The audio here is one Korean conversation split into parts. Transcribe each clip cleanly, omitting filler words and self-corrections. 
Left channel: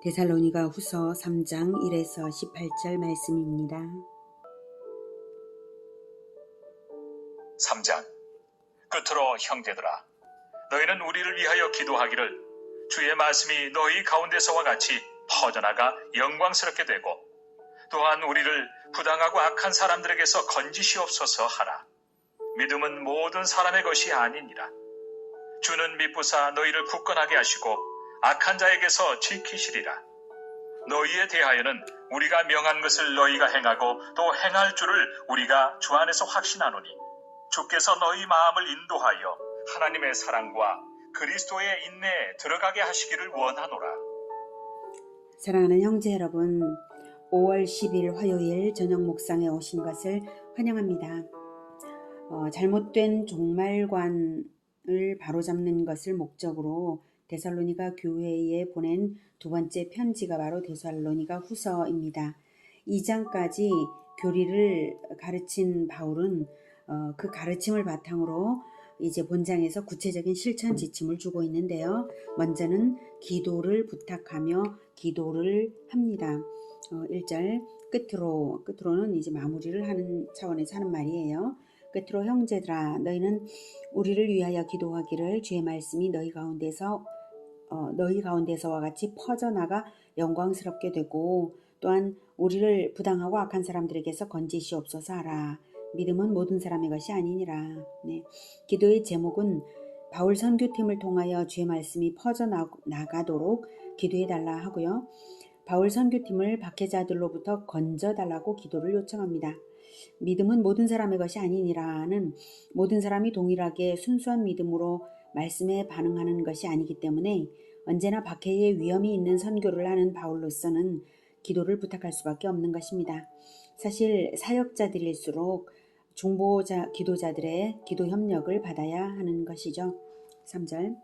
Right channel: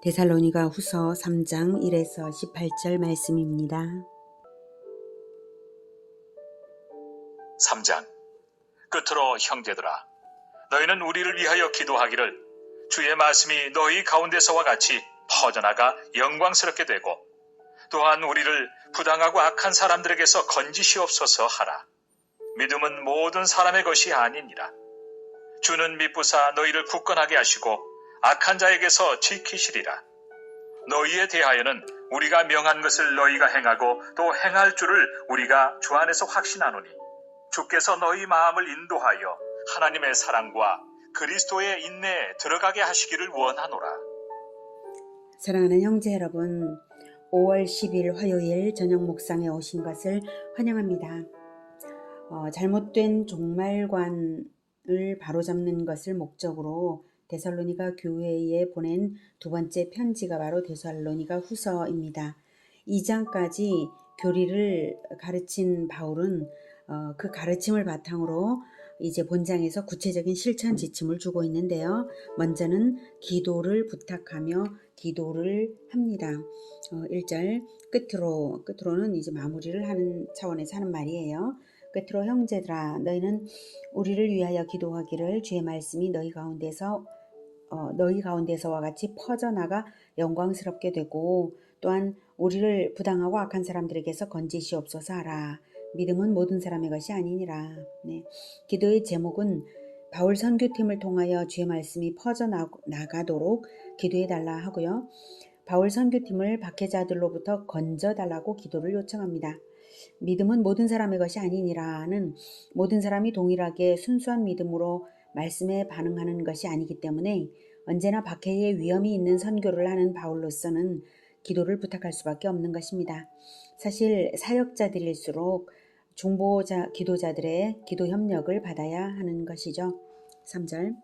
데살로니가 후서 3장 1에서 18절 말씀입니다. 3장. 끝으로 형제들아, 너희는 우리를 위하여 기도하기를 주의 말씀이 너희 가운데서와 같이 퍼져나가 영광스럽게 되고 또한 우리를 부당하고 악한 사람들에게서 건지시옵소서 하라. 믿음은 모든 사람의 것이 아니니라. 주는 미쁘사 너희를 굳건하게 하시고 악한 자에게서 지키시리라. 너희에 대하여는 우리가 명한 것을 너희가 행하고 또 행할 줄을 우리가 주 안에서 확신하노니 주께서 너희 마음을 인도하여 하나님의 사랑과 그리스도의 인내에 들어가게 하시기를 원하노라. 사랑하는 형제 여러분, 5월 10일 화요일 저녁 묵상에 오신 것을 환영합니다. 잘못된 종말관을 바로잡는 것을 목적으로 데살로니가 교회에 보낸 두 번째 편지가 바로 데살로니가 후서입니다. 2장까지 교리를 가르친 바울은 그 가르침을 바탕으로 이제 본장에서 구체적인 실천 지침을 주고 있는데요. 먼저는 기도를 부탁하며 기도를 합니다. 1절 끝으로는 이제 마무리를 하는 차원에서 하는 말이에요. 끝으로 형제들아, 너희는 우리를 위하여 기도하기를 주의 말씀이 너희 가운데서와 같이 퍼져나가 영광스럽게 되고 또한 우리를 부당하고 악한 사람들에게서 건지시옵소서 하라. 믿음은 모든 사람의 것이 아니니라. 기도의 제목은 바울 선교팀을 통하여 주의 말씀이 퍼져나가도록 기도해달라 하고요. 바울 선교팀을 박해자들로부터 건져달라고 기도를 요청합니다. 믿음은 모든 사람의 것이 아니니라는 모든 사람이 동일하게 순수한 믿음으로 말씀에 반응하는 것이 아니기 때문에 언제나 박해의 위험이 있는 선교를 하는 바울로서는 기도를 부탁할 수밖에 없는 것입니다. 사실 사역자들일수록 기도자들의 기도 협력을 받아야 하는 것이죠. 3절.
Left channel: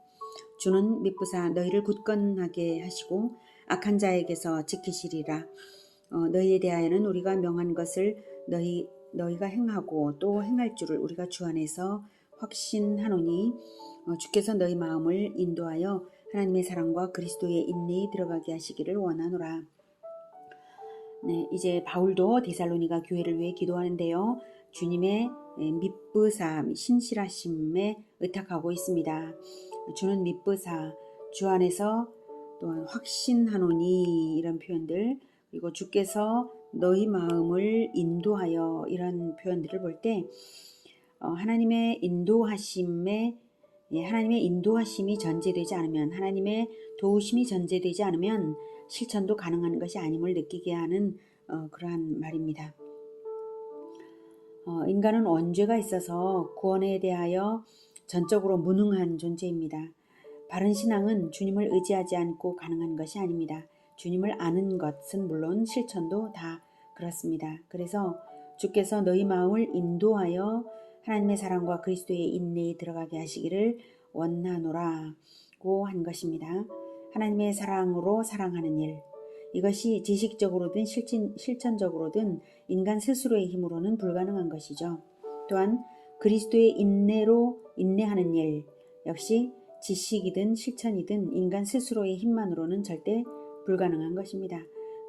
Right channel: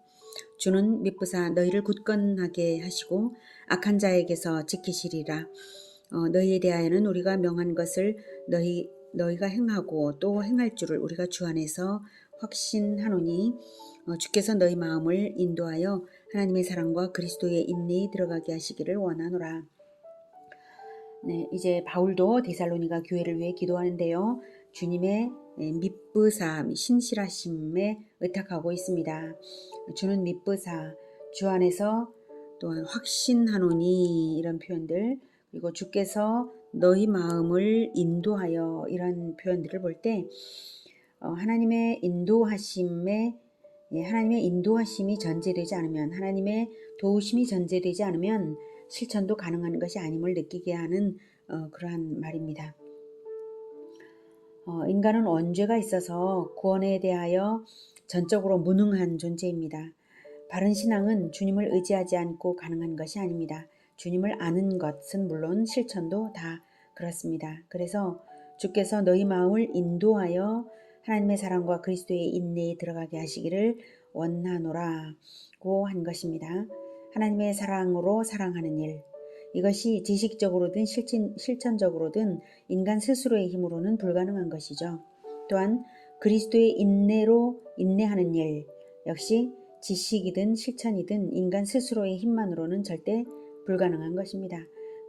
주는 미쁘사 너희를 굳건하게 하시고 악한 자에게서 지키시리라. 너희에 대하여는 우리가 명한 것을 너희가 행하고 또 행할 줄을 우리가 주 안에서 확신하노니 주께서 너희 마음을 인도하여 하나님의 사랑과 그리스도의 인내에 들어가게 하시기를 원하노라. 이제 바울도 데살로니가 교회를 위해 기도하는데요. 주님의 미쁘사, 신실하심에 의탁하고 있습니다. 주는 미쁘사, 주 안에서 또한 확신하노니 이런 표현들, 그리고 주께서 너희 마음을 인도하여 이런 표현들을 볼 때 하나님의 인도하심이 전제되지 않으면, 하나님의 도우심이 전제되지 않으면 실천도 가능한 것이 아님을 느끼게 하는 그러한 말입니다. 인간은 원죄가 있어서 구원에 대하여 전적으로 무능한 존재입니다. 바른 신앙은 주님을 의지하지 않고 가능한 것이 아닙니다. 주님을 아는 것은 물론 실천도 다 그렇습니다. 그래서 주께서 너희 마음을 인도하여 하나님의 사랑과 그리스도의 인내에 들어가게 하시기를 원하노라고 한 것입니다. 하나님의 사랑으로 사랑하는 일, 이것이 지식적으로든 실천적으로든 인간 스스로의 힘으로는 불가능한 것이죠. 또한 그리스도의 인내로 인내하는 일, 역시 지식이든 실천이든 인간 스스로의 힘만으로는 절대 불가능한 것입니다.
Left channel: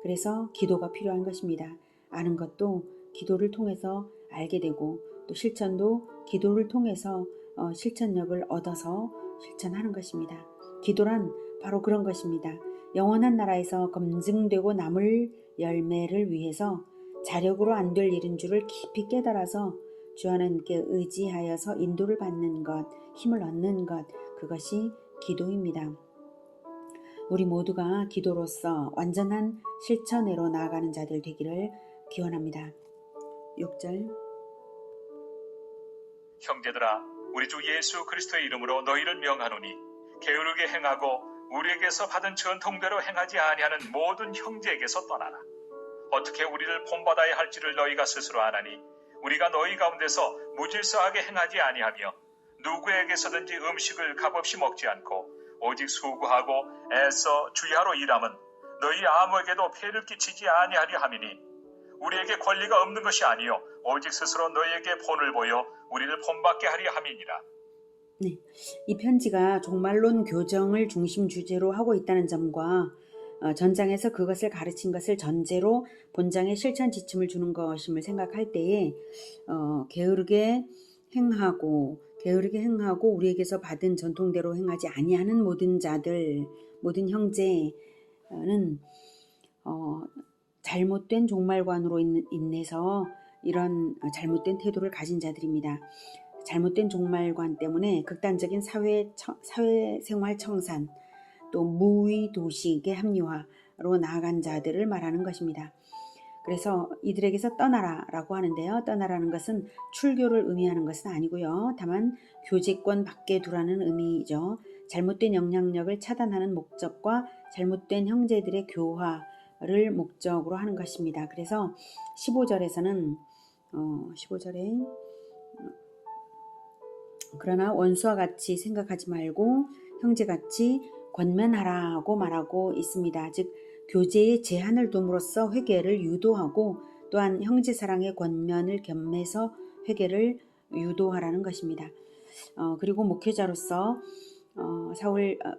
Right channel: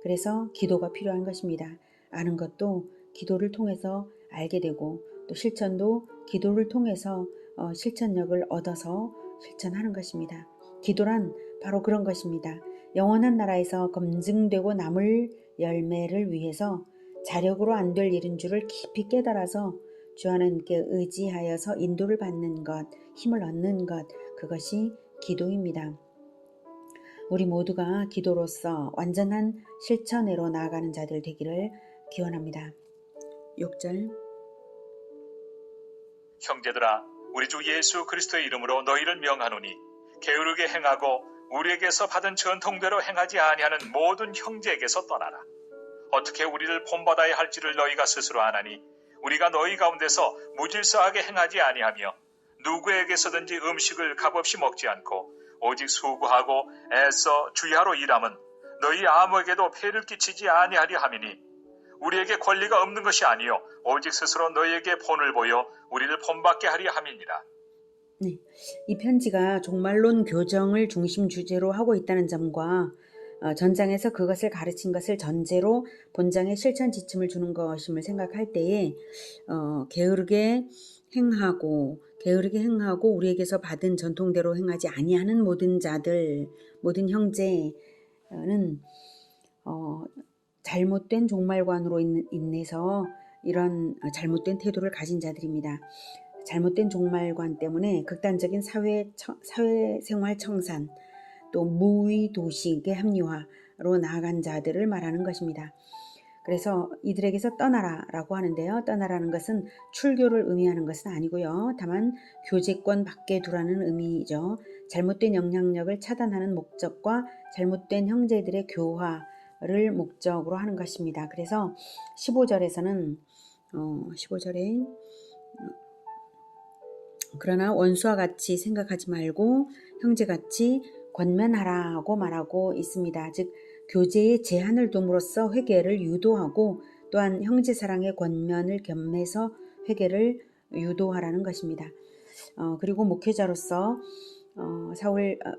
그래서 기도가 필요한 것입니다. 아는 것도 기도를 통해서 알게 되고 또 실천도 기도를 통해서 실천력을 얻어서 실천하는 것입니다. 기도란 바로 그런 것입니다. 영원한 나라에서 검증되고 남을 열매를 위해서 자력으로 안 될 일인 줄을 깊이 깨달아서 주 하나님께 의지하여서 인도를 받는 것, 힘을 얻는 것, 그것이 기도입니다. 우리 모두가 기도로서 완전한 실천으로 나아가는 자들 되기를 기원합니다. 6절. 형제들아, 우리 주 예수 그리스도의 이름으로 너희를 명하노니 게으르게 행하고 우리에게서 받은 전통대로 행하지 아니하는 모든 형제에게서 떠나라. 어떻게 우리를 본받아야 할지를 너희가 스스로 아나니 우리가 너희 가운데서 무질서하게 행하지 아니하며 누구에게서든지 음식을 값없이 먹지 않고 오직 수고하고 애써 주야로 일함은 너희 아무에게도 폐를 끼치지 아니하려 함이니 우리에게 권리가 없는 것이 아니요 오직 스스로 너희에게 본을 보여 우리를 본받게 하려 함이니라. 이 편지가 종말론 교정을 중심 주제로 하고 있다는 점과 전장에서 그것을 가르친 것을 전제로 본장에 실천 지침을 주는 것임을 생각할 때에 게으르게 행하고 우리에게서 받은 전통대로 행하지 아니하는 모든 자들, 모든 형제는 잘못된 종말관으로 인해서 이런 잘못된 태도를 가진 자들입니다. 잘못된 종말관 때문에 극단적인 사회생활 청산, 또 무의도식의 합리화로 나아간 자들을 말하는 것입니다. 그래서 이들에게서 떠나라라고 하는데요. 떠나라는 것은 출교를 의미하는 것은 아니고요. 다만 교제권 밖에 두라는 의미이죠. 잘못된 영향력을 차단하는 목적과 잘못된 형제들의 교화를 목적으로 하는 것입니다. 그래서 15절에서는 15절에 그러나 원수와 같이 생각하지 말고 형제같이 권면하라고 말하고 있습니다. 즉 교제에 제한을 둠으로써 회개를 유도하고 또한 형제사랑의 권면을 겸해서 회개를 유도하라는 것입니다. 그리고 목회자로서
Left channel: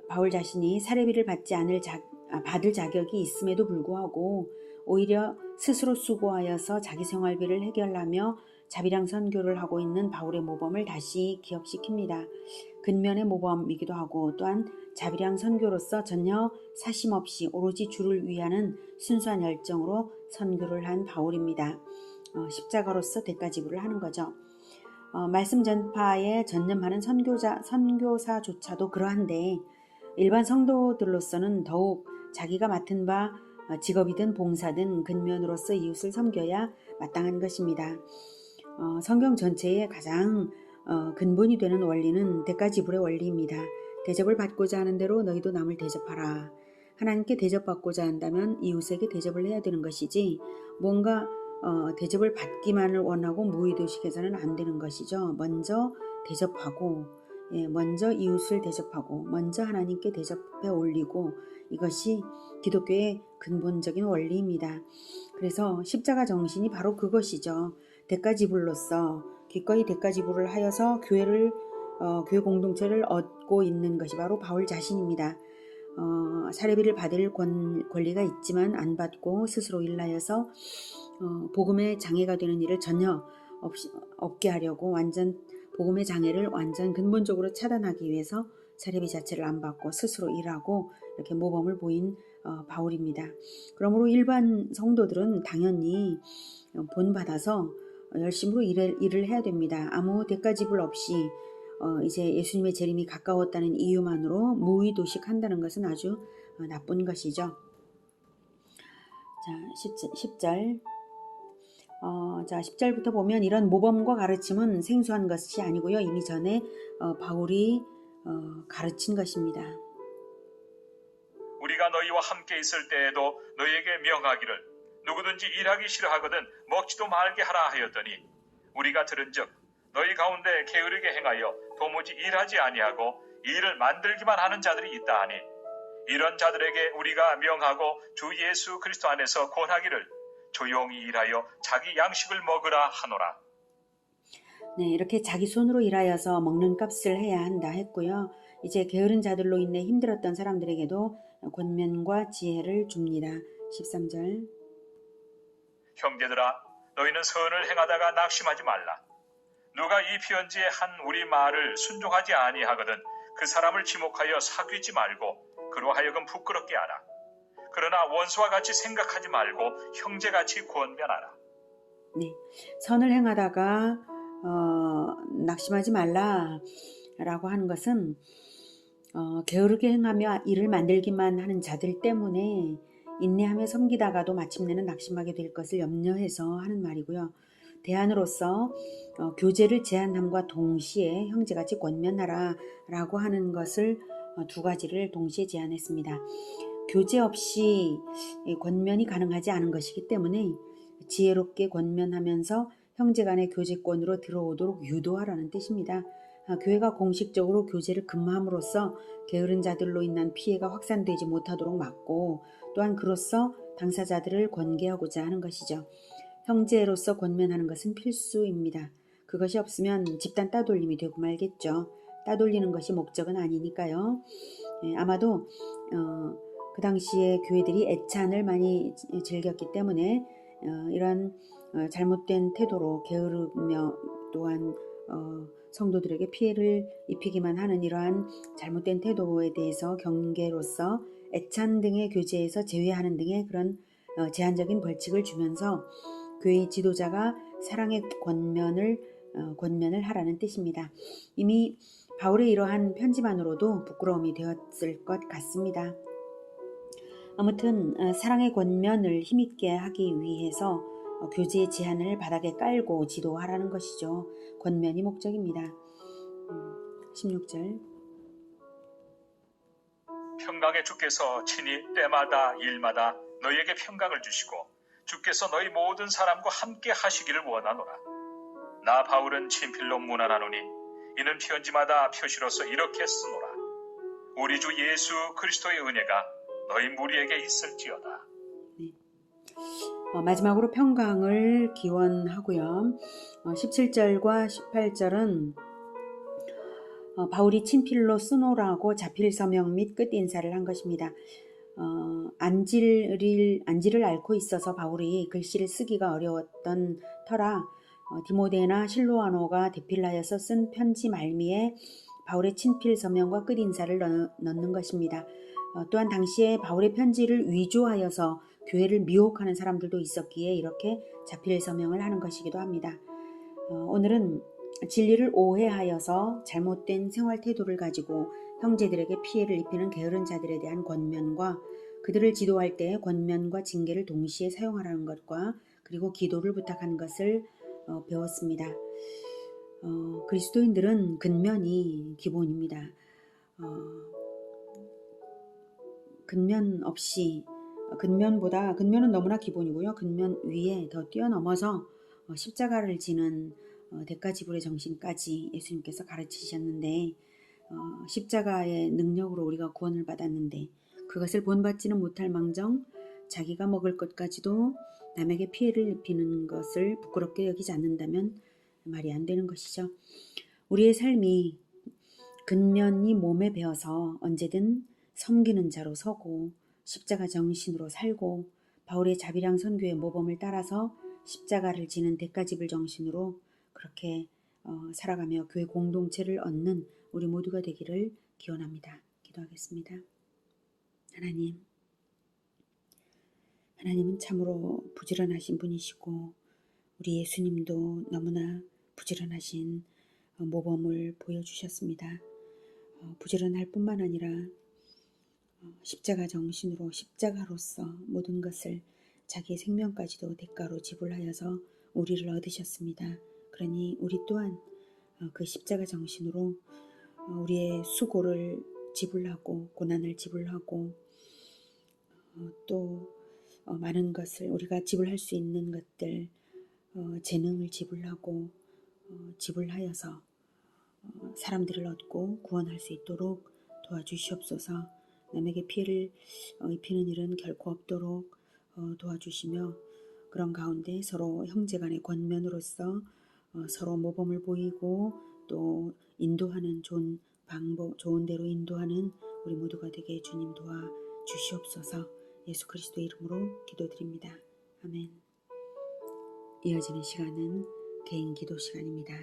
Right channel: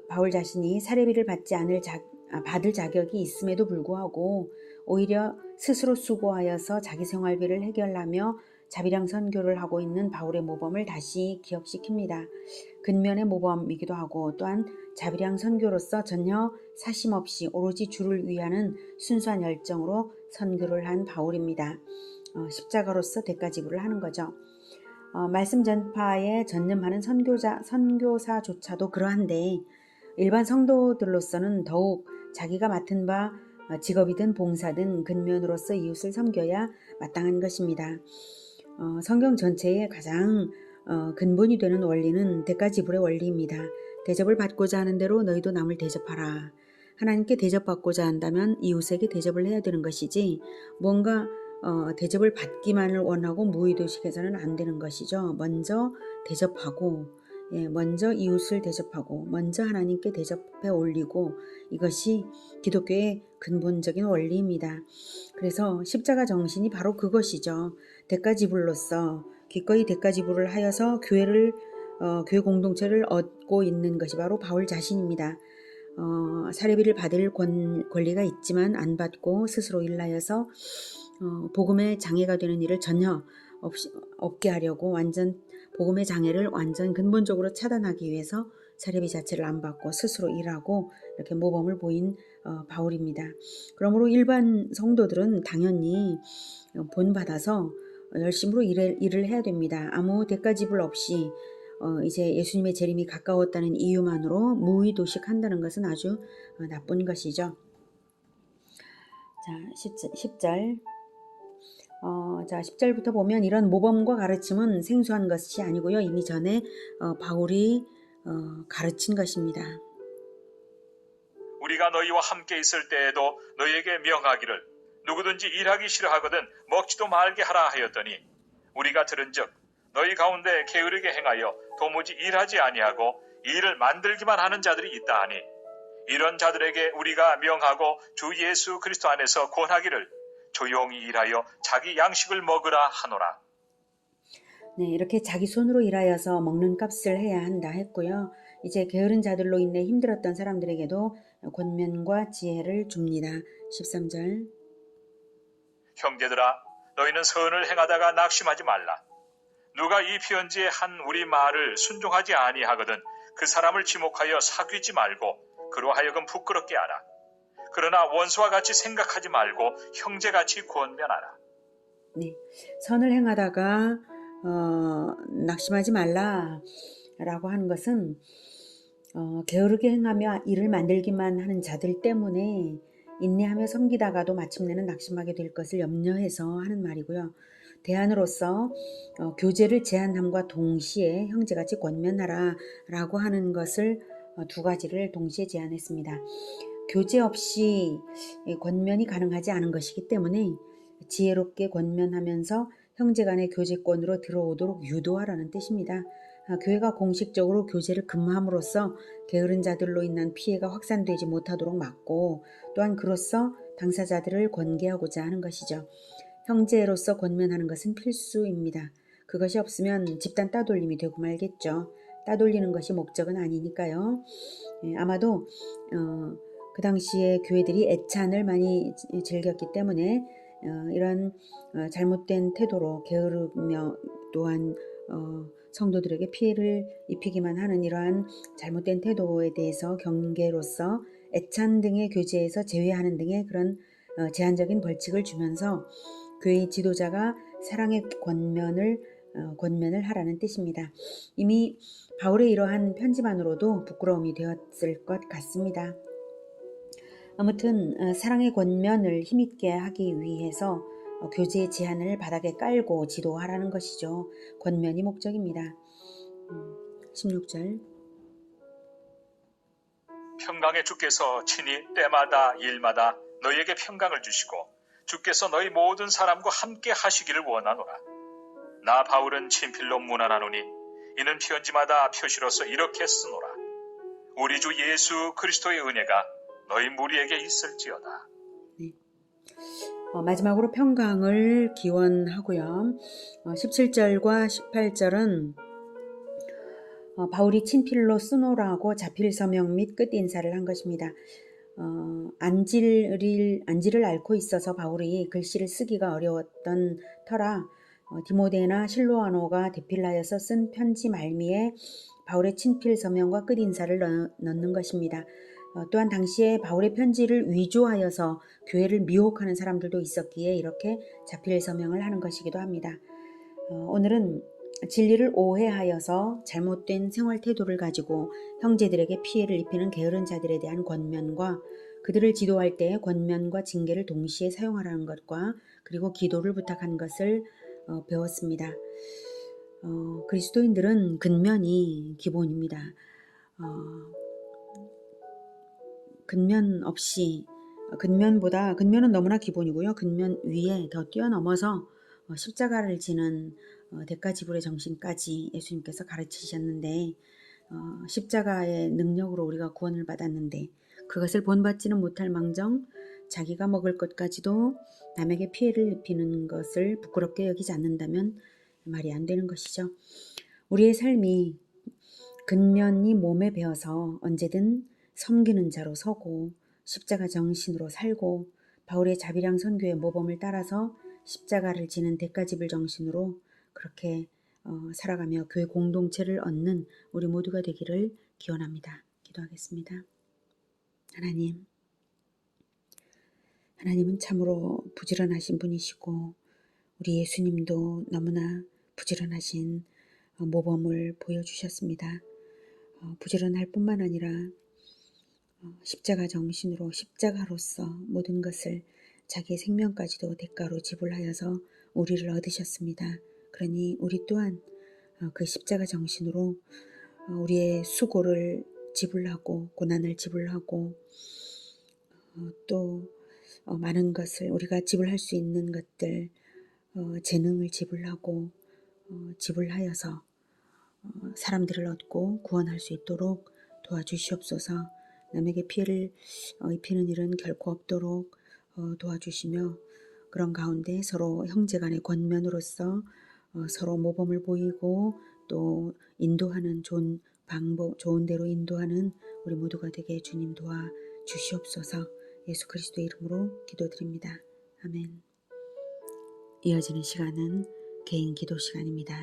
바울 자신이 사례비를 받을 자격이 있음에도 불구하고 오히려 스스로 수고하여서 자기 생활비를 해결하며 자비랑 선교를 하고 있는 바울의 모범을 다시 기억시킵니다. 근면의 모범이기도 하고 또한 자비랑 선교로서 전혀 사심 없이 오로지 주를 위하는 순수한 열정으로 선교를 한 바울입니다. 십자가로서 대가 지불을 하는 거죠. 말씀 전파에 전념하는 선교사조차도 그러한데 일반 성도들로서는 더욱 자기가 맡은 바 직업이든 봉사든 근면으로서 이웃을 섬겨야 마땅한 것입니다. 성경 전체의 가장 근본이 되는 원리는 대가 지불의 원리입니다. 대접을 받고자 하는 대로 너희도 남을 대접하라. 하나님께 대접받고자 한다면 이웃에게 대접을 해야 되는 것이지 뭔가 대접을 받기만을 원하고 무의도식해서는 안 되는 것이죠. 먼저 대접하고 먼저 이웃을 대접하고 먼저 하나님께 대접해 올리고 이것이 기독교의 근본적인 원리입니다. 그래서 십자가 정신이 바로 그것이죠. 대가지불로서 기꺼이 대가지불을 하여서 교회 공동체를 얻고 있는 것이 바로 바울 자신입니다. 사례비를 받을 권리가 있지만 안 받고 스스로 일하여서 복음의 장애가 되는 일을 전혀 없게 하려고 복음의 장애를 완전 근본적으로 차단하기 위해서 사례비 자체를 안 받고 스스로 일하고 이렇게 모범을 보인 바울입니다. 그러므로 일반 성도들은 당연히 본받아서 열심으로 일을 해야 됩니다. 아무 대가 지불 없이 이제 예수님의 재림이 가까웠다는 이유만으로 무의도식한다는 것은 아주 나쁜 것이죠. 자, 10절. 10절부터 보면 이런 모범과 가르침은 생소한 것이 아니고요. 이미 전에 바울이 가르친 것입니다. 우리가 너희와 함께 있을 때에도 너희에게 명하기를 누구든지 일하기 싫어하거든 먹지도 말게 하라 하였더니 우리가 들은즉 너희 가운데 게으르게 행하여 도무지 일하지 아니하고 일을 만들기만 하는 자들이 있다 하니 이런 자들에게 우리가 명하고 주 예수 그리스도 안에서 권하기를 조용히 일하여 자기 양식을 먹으라 하노라. 네, 이렇게 자기 손으로 일하여서 먹는 값을 해야 한다 했고요. 이제 게으른 자들로 인해 힘들었던 사람들에게도 권면과 지혜를 줍니다. 13절. 형제들아 너희는 선을 행하다가 낙심하지 말라. 누가 이 편지에 한 우리 말을 순종하지 아니하거든 그 사람을 지목하여 사귀지 말고 그로 하여금 부끄럽게 하라. 그러나 원수와 같이 생각하지 말고 형제같이 권면하라. 네, 선을 행하다가 낙심하지 말라라고 하는 것은 게으르게 행하며 일을 만들기만 하는 자들 때문에 인내하며 섬기다가도 마침내는 낙심하게 될 것을 염려해서 하는 말이고요. 대안으로서 교제를 제한함과 동시에 형제같이 권면하라 라고 하는 것을 두 가지를 동시에 제안했습니다. 교제 없이 권면이 가능하지 않은 것이기 때문에 지혜롭게 권면하면서 형제간의 교제권으로 들어오도록 유도하라는 뜻입니다. 교회가 공식적으로 교제를 금함으로써 게으른 자들로 인한 피해가 확산되지 못하도록 막고 또한 그로써 당사자들을 권계하고자 하는 것이죠. 형제로서 권면하는 것은 필수입니다. 그것이 없으면 집단 따돌림이 되고 말겠죠. 따돌리는 것이 목적은 아니니까요. 아마도 그 당시에 교회들이 애찬을 많이 즐겼기 때문에 이런 잘못된 태도로 게으르며 또한 성도들에게 피해를 입히기만 하는 이러한 잘못된 태도에 대해서 경계로서 애찬 등의 교제에서 제외하는 등의 그런 제한적인 벌칙을 주면서 교회 지도자가 사랑의 권면을 하라는 뜻입니다. 이미 바울의 이러한 편지만으로도 부끄러움이 되었을 것 같습니다. 아무튼 사랑의 권면을 힘있게 하기 위해서 교제의 제한을 바닥에 깔고 지도하라는 것이죠. 권면이 목적입니다. 16절 평강의 주께서 친히 때마다 일마다 너희에게 평강을 주시고 주께서 너희 모든 사람과 함께 하시기를 원하노라. 나 바울은 친필로 문안하노니 이는 편지마다 표시로서 이렇게 쓰노라. 우리 주 예수 그리스도의 은혜가 너희 무리에게 있을지어다. 네. 마지막으로 평강을 기원하고요. 17절과 18절은 바울이 친필로 쓰노라고 자필 서명 및 끝 인사를 한 것입니다. 안지를 앓고 있어서 바울이 글씨를 쓰기가 어려웠던 터라 디모데나 실로아노가 대필하여서 쓴 편지 말미에 바울의 친필 서명과 끝 인사를 넣는 것입니다. 또한 당시에 바울의 편지를 위조하여서 교회를 미혹하는 사람들도 있었기에 이렇게 자필 서명을 하는 것이기도 합니다. 오늘은 진리를 오해하여서 잘못된 생활 태도를 가지고 형제들에게 피해를 입히는 게으른 자들에 대한 권면과 그들을 지도할 때 권면과 징계를 동시에 사용하라는 것과 그리고 기도를 부탁하는 것을 배웠습니다. 그리스도인들은 근면이 기본입니다. 근면은 너무나 기본이고요. 근면 위에 더 뛰어넘어서 십자가를 지는 대가지불의 정신까지 예수님께서 가르치셨는데 십자가의 능력으로 우리가 구원을 받았는데 그것을 본받지는 못할 망정 자기가 먹을 것까지도 남에게 피해를 입히는 것을 부끄럽게 여기지 않는다면 말이 안 되는 것이죠. 우리의 삶이 근면이 몸에 배어서 언제든 섬기는 자로 서고 십자가 정신으로 살고 바울의 자비랑 선교의 모범을 따라서 십자가를 지는 대가지불 정신으로 그렇게 살아가며 교회 공동체를 얻는 우리 모두가 되기를 기원합니다. 기도하겠습니다. 하나님은 참으로 부지런하신 분이시고 우리 예수님도 너무나 부지런하신 모범을 보여주셨습니다. 부지런할 뿐만 아니라 십자가 정신으로 십자가로서 모든 것을 자기의 생명까지도 대가로 지불하여서 우리를 얻으셨습니다. 그러니 우리 또한 그 십자가 정신으로 우리의 수고를 지불하고 고난을 지불하고 또 많은 것을 우리가 지불할 수 있는 것들 재능을 지불하고 지불하여서 사람들을 얻고 구원할 수 있도록 도와주시옵소서. 남에게 피해를 입히는 일은 결코 없도록 도와주시며 그런 가운데 서로 형제간의 권면으로서 서로 모범을 보이고 또 인도하는 좋은 방법, 좋은 대로 인도하는 우리 모두가 되게 주님 도와주시옵소서. 예수 그리스도의 이름으로 기도드립니다. 아멘. 이어지는 시간은 개인 기도 시간입니다.